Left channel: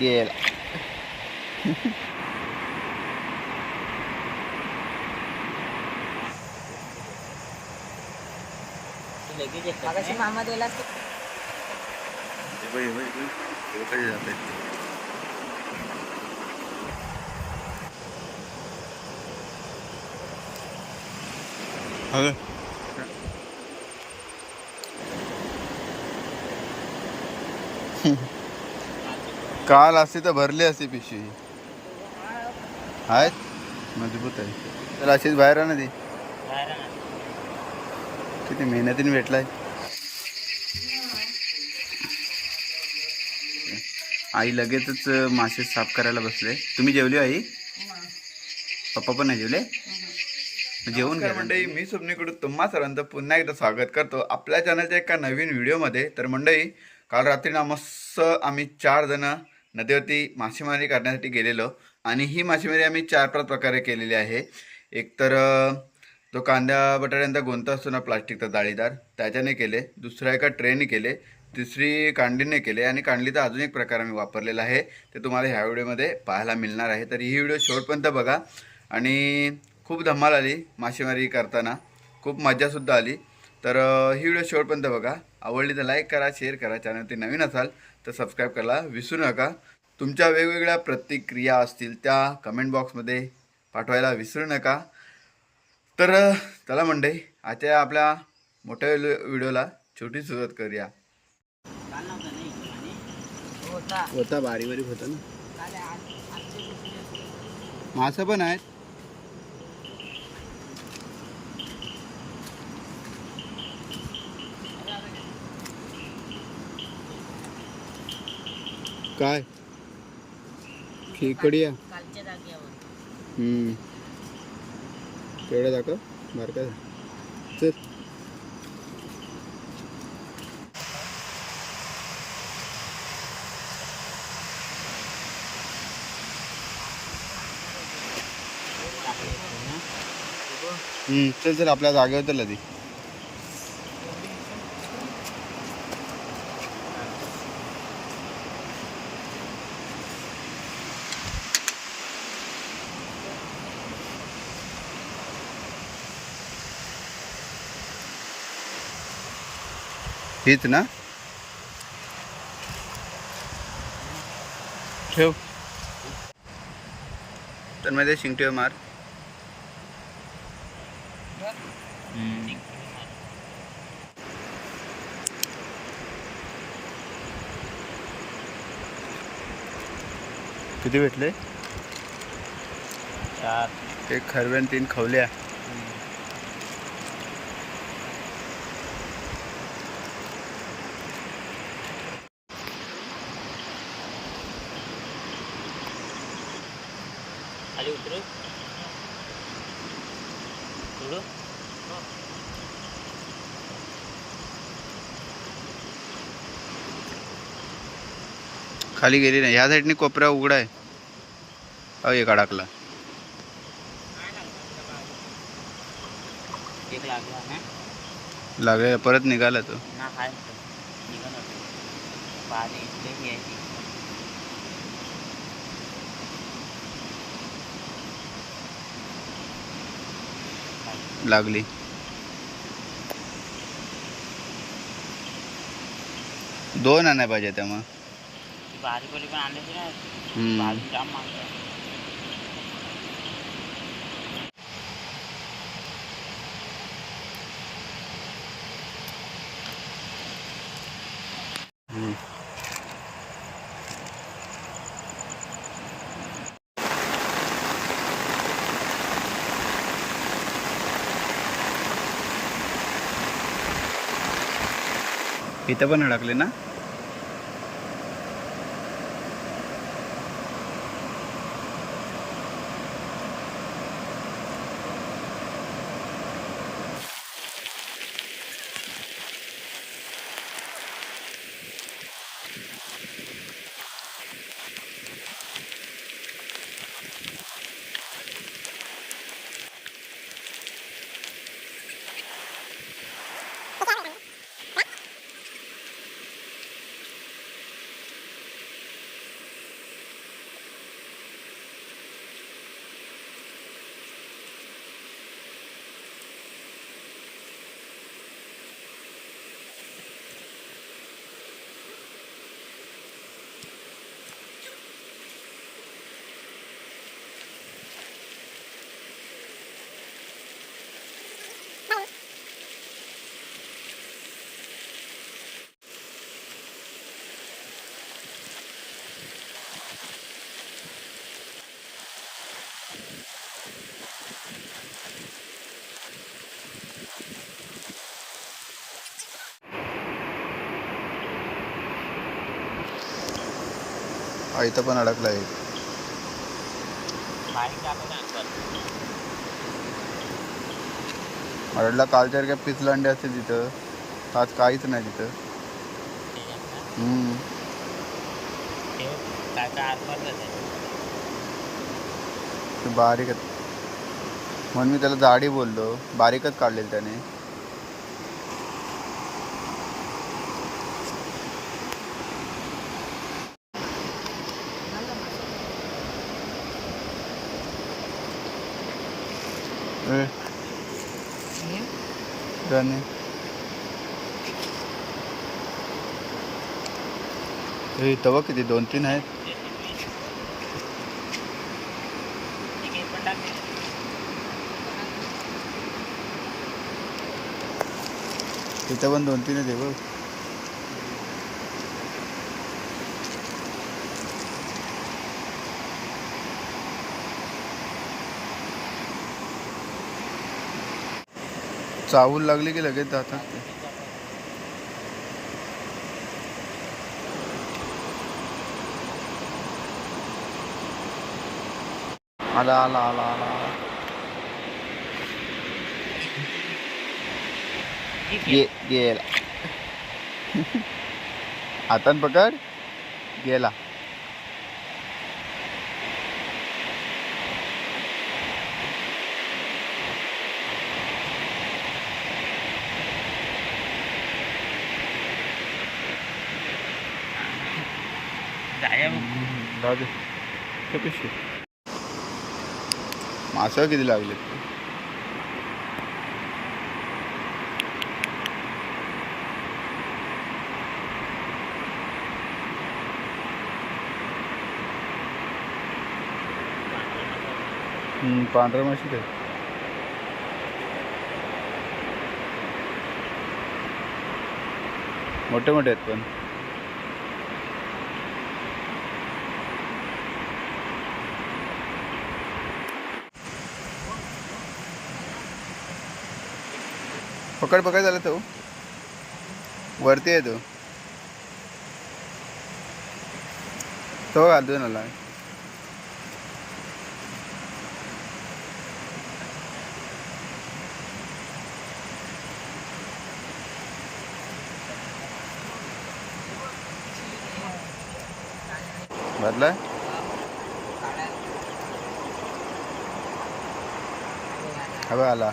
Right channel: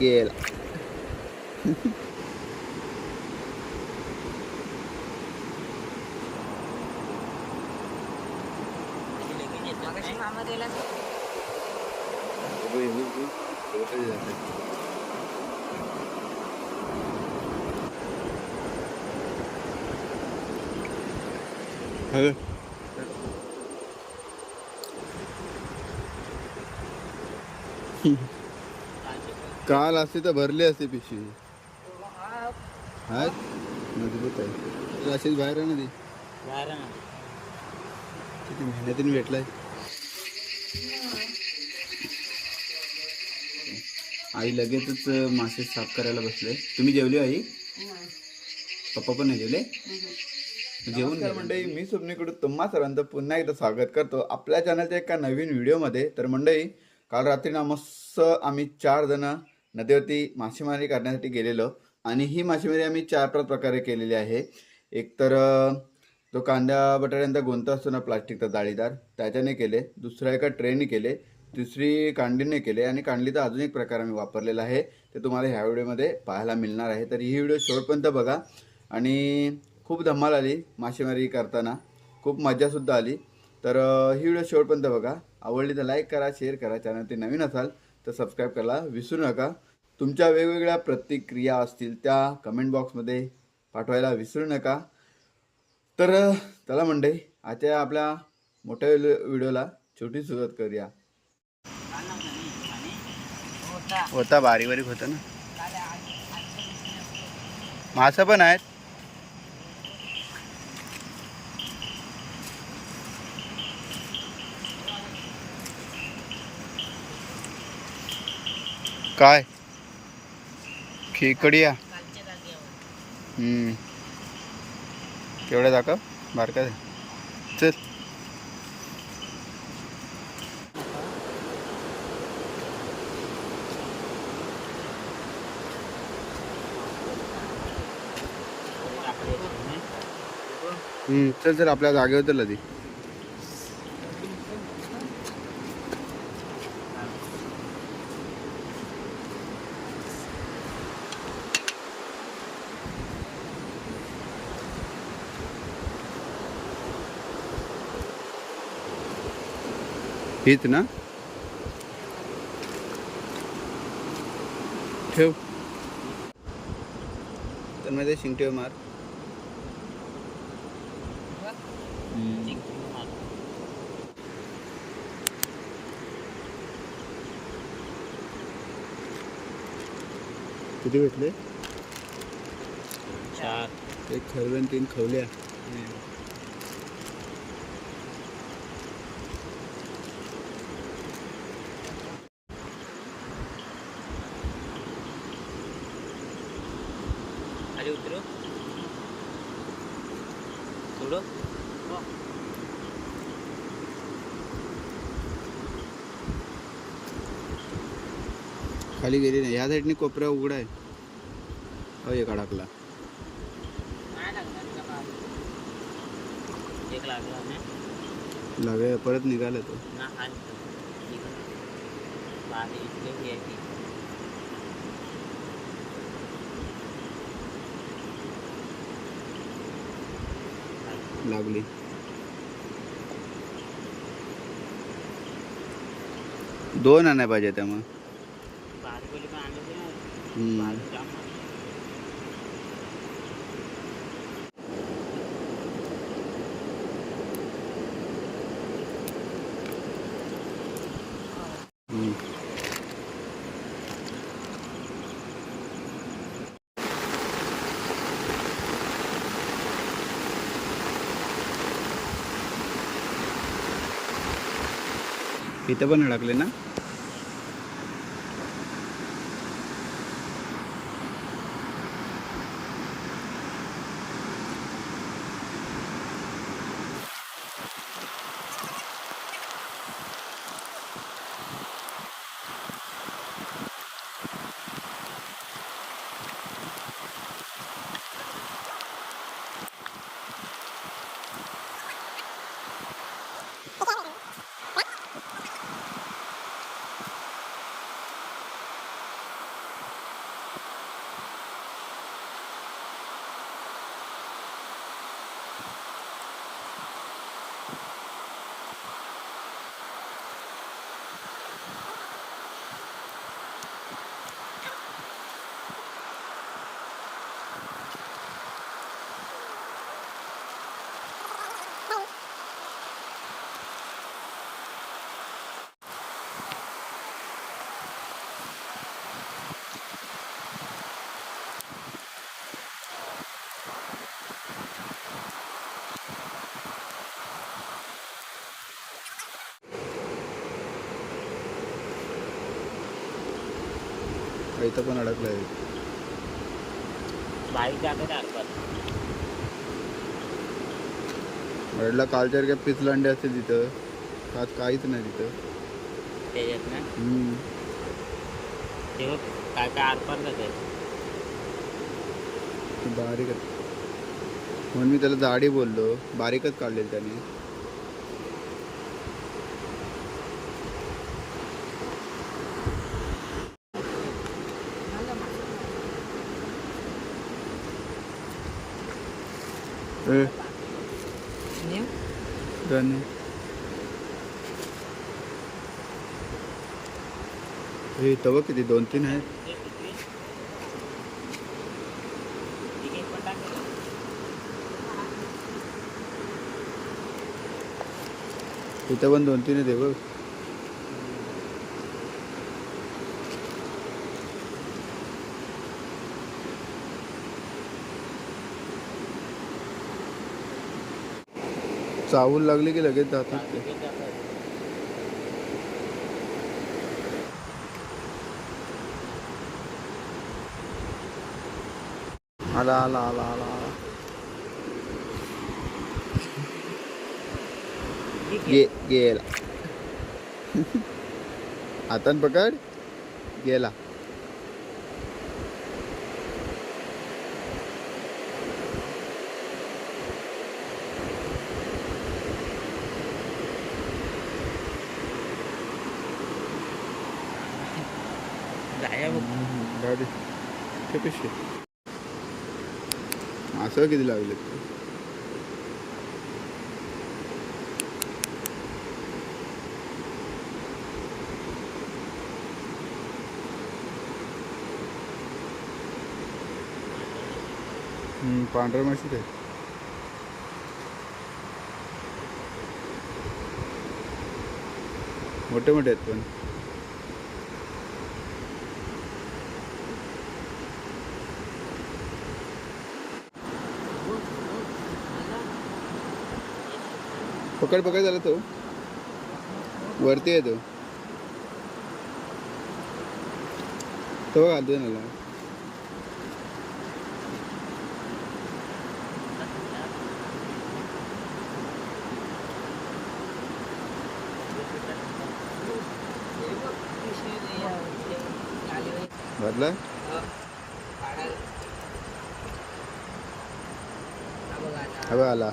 गेला. मामा दिला कधी जाते काल असते तर भरली असते पिशवी. आहेत मजबूत आहे तर अशीच बाहेर आहे ना ती. किती मेहनतीने भेटलाय. आई लगेचच मासे साफ करायला बसले. तुम्ही जेवले आई? पप्पा पण नाही जेवले? जेवण काय मंडळी, मी स्वप्नीकडून तुम्हा सर्वांचं पुन्हा एकदा स्वागत करतो आपल्या चॅनलच्या एका नवीन व्हिडिओमध्ये. तर मंडळी, काल रात्री ना मस्त आम्ही 4 जण नदीवरती मासेमारी करण्यासाठी गेलेलो आणि ही मासेमारी आम्ही 4-5 प्रकारे केलेली आहे. एक तर जो कांदा बटाट्यांचा गोंता असतो ना प्लास्टिकचा जाळीदार, त्याच्याने केले. दुसरा एका ट्रेने केले. तिसरी कांडीने केले आणि कांडलीचा अजून एक प्रकार आम्ही वापरलेला आहे, ते तुम्हाला ह्या व्हिडिओमध्ये पाहायला मिळणार आहे. तर ही व्हिडिओ शेवटपर्यंत बघा. आणि खूप धमाल आली मासेमारी करताना, खूप मज्जासुद्धा आली. तर ही व्हिडिओ शेवटपर्यंत बघा. आवडली तर लाईक करा, शेअर करा. चॅनल ते नवीन असाल तर सबस्क्राईब करायला विसरू नका. तुमच्या वेगवेगळ्या प्रतिक्रिया असतील त्या कमेंट बॉक्समध्ये पाठवायला विसरू नका. तर चला मंडळी, आजच्या आपल्या मोठ्या व्हिडिओला छोटी सुरुवात करूया. होता बारीक बारीक होता ना. मासा पण आहेत. काय खेकडिया? केवढ्या दाखव बारका चल. चल चल आपल्या जागेवर तर ती. हीच ना? ठेव. तर मध्ये शिंगटीवर मार. किती भेटले? 4. एक खरवे 3 खवल्या. खाली उतरू थोडं. खाली गेली नाही. ह्या साईडने कोपरा उघडा आहे. एक अडकला. एक लागला ना. लागेल परत निघाला तो. ना हाय निघाला. पाणी इथले घ्यायची. लागली. दोन आणाय पाहिजे त्या मग. बारीक वाली पण आणायची ना. बारीक जाम मागतो. इथं पण अडकले ना. इथं पण अडकला आहे. बारीक जागा असतात. अडला कालच्या पिचलांडे असते तिथं, आज काहीच नाही तिथं. त्याच्यात ना ते काय काय आसपास जाते. ते बारीकच म्हणून मी त्याला जाडी बोललो, बारीकच काढलेली त्याने. त्याने तवा किती 2-3 आहेत. तिथं पण 2-3 आहे बघ. चावूल लागली की लगेच जातात ते. आला आला आला आला आला. गेला. हातान पकड. गेला. जाऊ दे. ते पिशवी मासा किती लागले. पांढऱ्या माशी ते मोठे मोठे आहेत पण. पकड पकड झाला तो वरती आहे तो घालतोय मला. भरलाय हा बघ आला.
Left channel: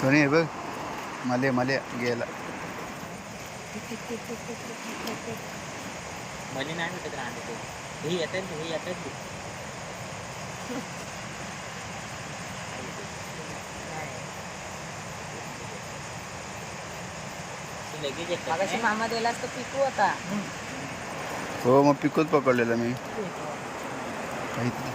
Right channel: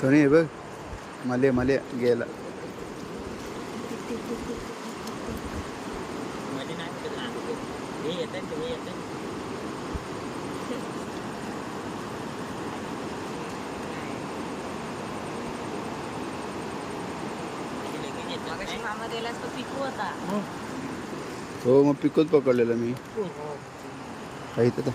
तो नाही बघ मले मले गेला. मले नाही भेटत राहते हे येते हे येते. मामा दिलास तर पिकू होता. हो मग पिकूच पकडलेला मी काही तर.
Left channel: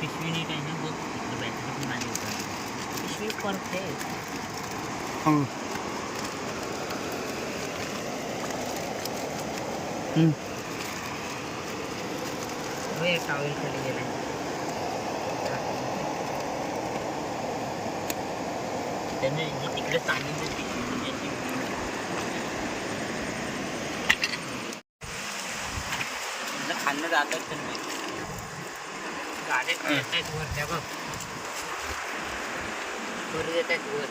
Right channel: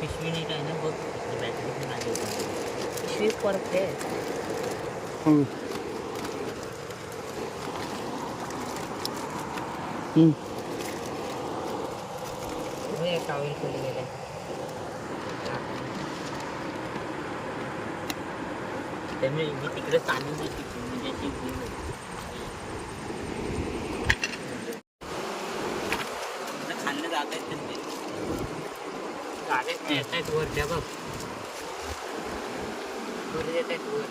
पिशवी नीट आहे ना बघ. बॅटरी पण माझी पिशवी परफेक्ट. टॉवेल खाली गेलाय. त्यांनी तिकडे ताणून देते खाल्लं जात आहेत त्यांना. गाड्या येत आहेत वर त्या बघ. वर येत आहेत वर.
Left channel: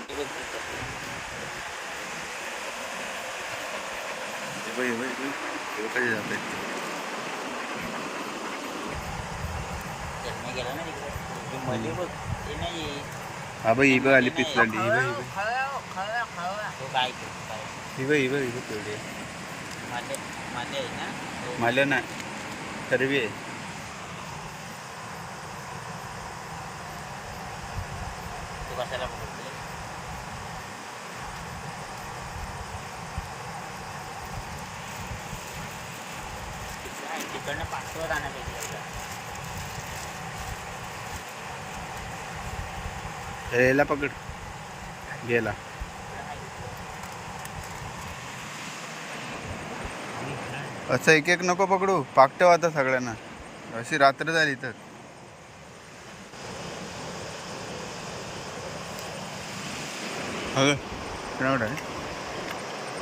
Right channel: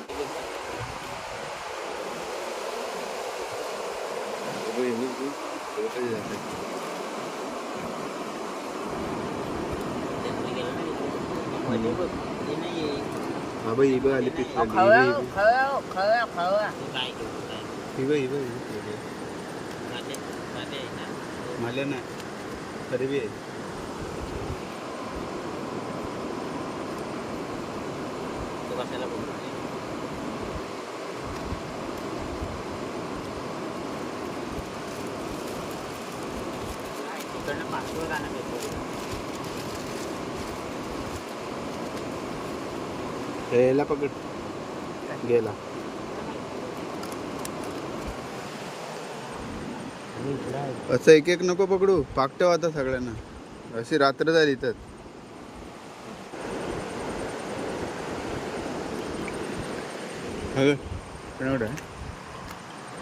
कधी जात आहेत. गेला ना तिकडे बघ ते नाही. हा बाई ही बघ आली पिचलांडी. ही बघ काय ही बघ ही बघ ही बघ तेवढी माझे आहे ना. माल्या नाही तरी बी आहे. तो कशाला बघ. तिकडनं पाचवं जाण्यापेक्षा याला पकड गेला. असं एक एक नको पकडू, पाकटव आता सगळ्यांना. अशी रात्र झाली तर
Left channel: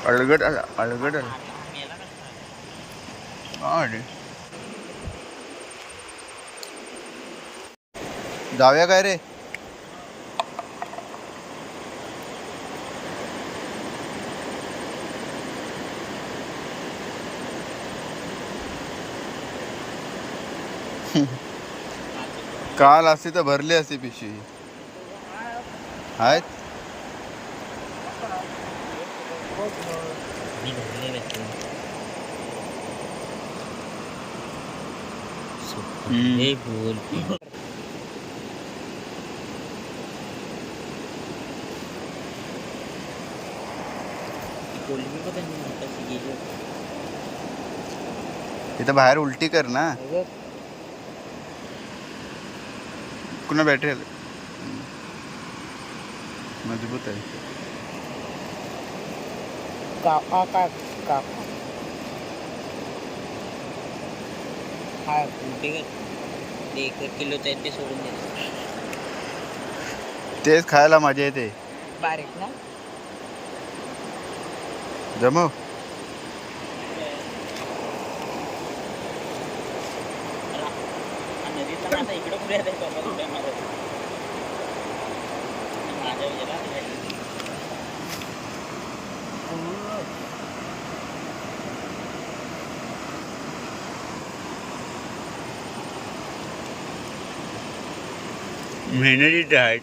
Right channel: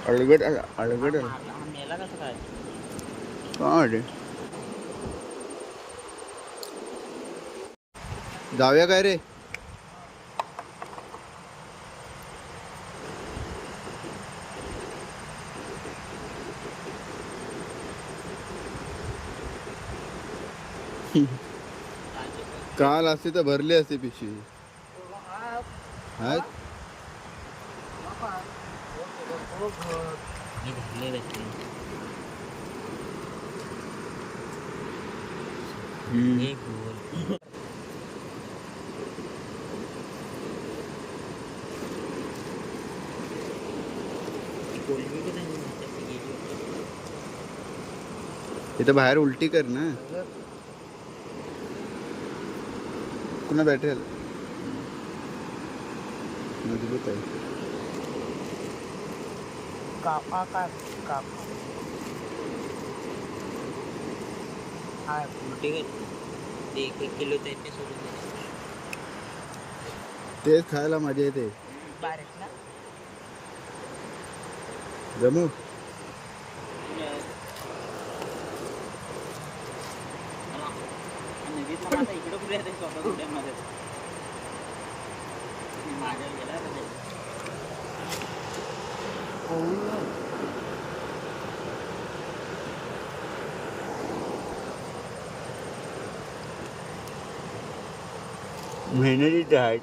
अळगड अळगड मेला कसं काय? काय जाऊया काय रे? काल असती तर भरली असती पिशवी. आहेत मी भरले व्यक्ती हे बोल. कोलबी पण त्यांनी गेली होती. इथं बाहेर उलटी कर ना. कुणा बॅटरी मजबूत आहे. काका काय काका हाय मोठे एक किलोचं आहे ते सोडून द्या. तेच खायला मजा येते. बारीक ना जमव. नदीतला माझा इकडं कुठे आहे स्वतः कुठे माझ्या गेला मेहनतीचे आहेत.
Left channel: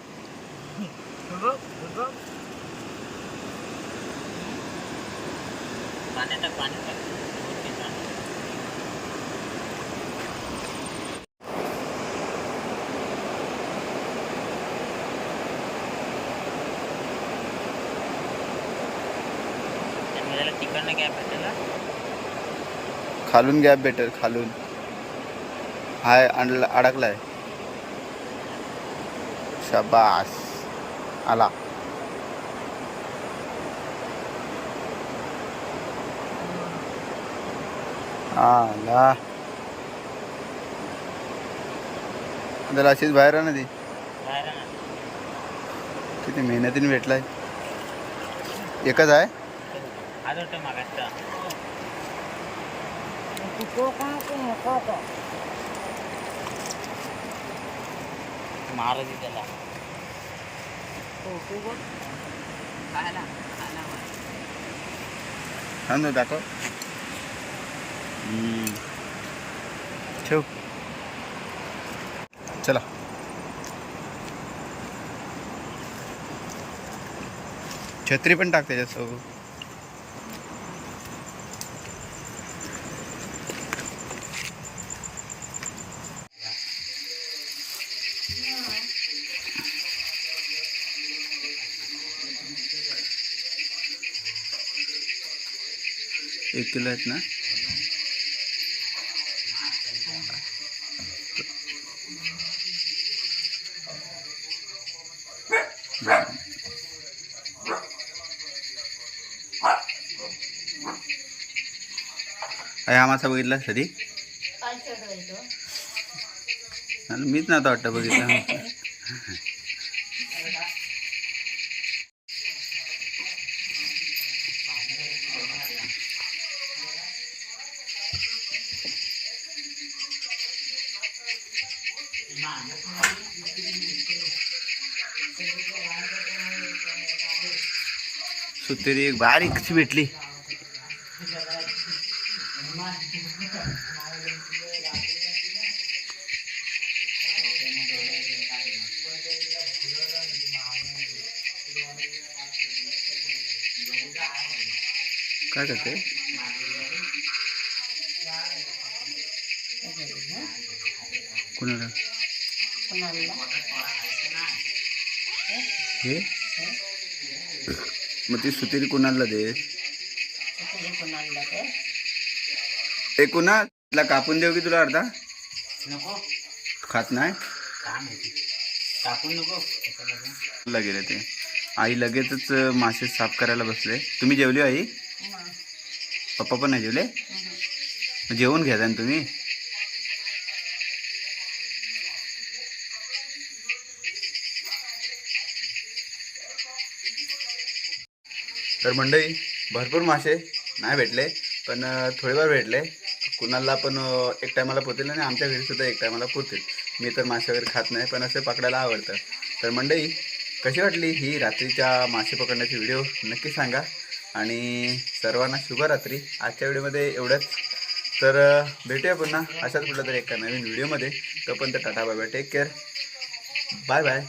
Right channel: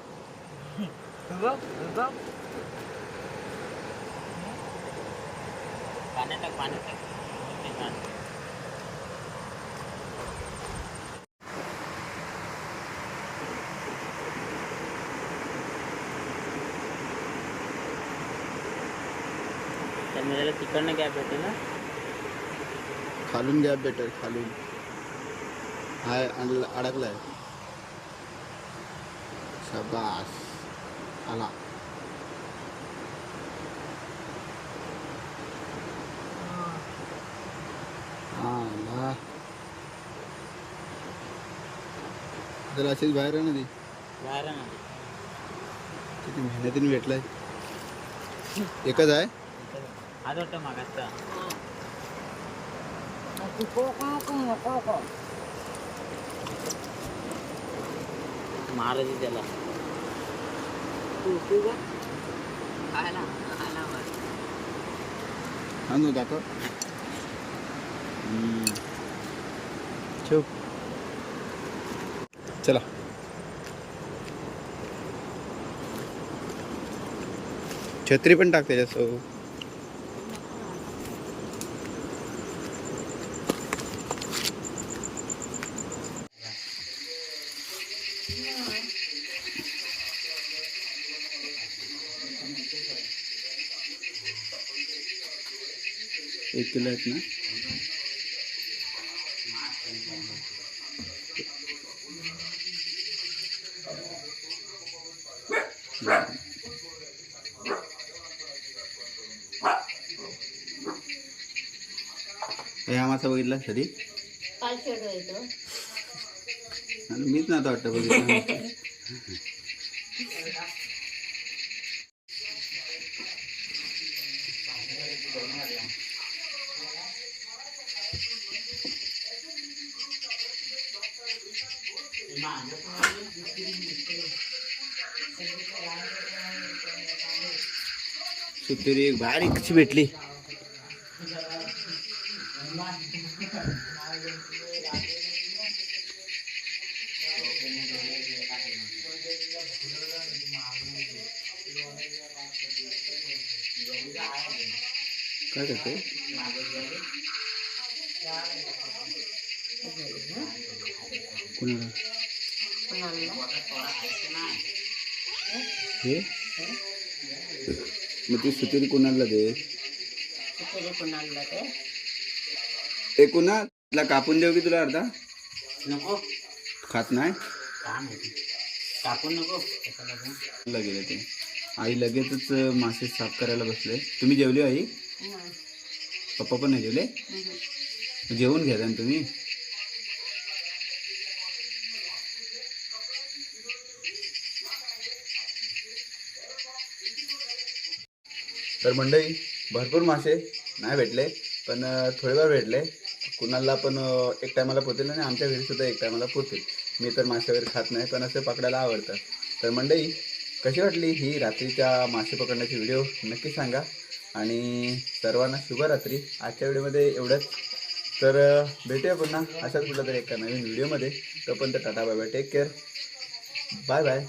पाण्यात मोठे पाणी. त्याला तिकडनं गॅप भेटेल ना. खालून गॅप बेटर खालून हाय अडकलाय. शाबास आला. आला त्याला अशीच बाहेर आहे ना ती. बाहेर आहे ना. किती मेहनतीने भेटलाय. एकच आहे. आज वाटतं मागायचा महाराजी त्याला हा ना दाखव. ठेव. चला छत्री पण टाक त्याच्यासोबत. एक किलो आहेत ना. हा मासा बघितला कधी? मीच ना आता वाटतं बघितलं. सुतेरी एक बारीक कशी भेटली. काय करते कुणाला हे? मग ती सुतेरी कुणाला दे. एक कुणाला कापून देऊ की तुला अर्धा? नको खात नाही. टाकून नको त्याच्यामध्ये. गेले ते आई लगेचच मासे साफ करायला बसले. तुम्ही जेवली आई? पप्पा पण नाही जेवले? मग जेवून घ्या ना तुम्ही. तर मंडळी भरपूर मासे नाही भेटले, पण थोडेफार भेटले. कुणाला पण एक टायमाला पुरतील आणि आमच्या घरी सुद्धा एक टायमाला पुरतील. मी तर मासे वगैरे खात नाही, पण असे पकडायला आवडतं. तर मंडळी कशी वाटली ही रात्रीच्या मासे पकडण्याची व्हिडिओ नक्की सांगा. आणि सर्वांना शुभरात्री. आजच्या व्हिडिओमध्ये एवढंच. तर भेटूया पुन्हा अशाच कुठल्या तरी एका नवीन व्हिडिओमध्ये. तोपर्यंत tata bye bye, take care, bye bye.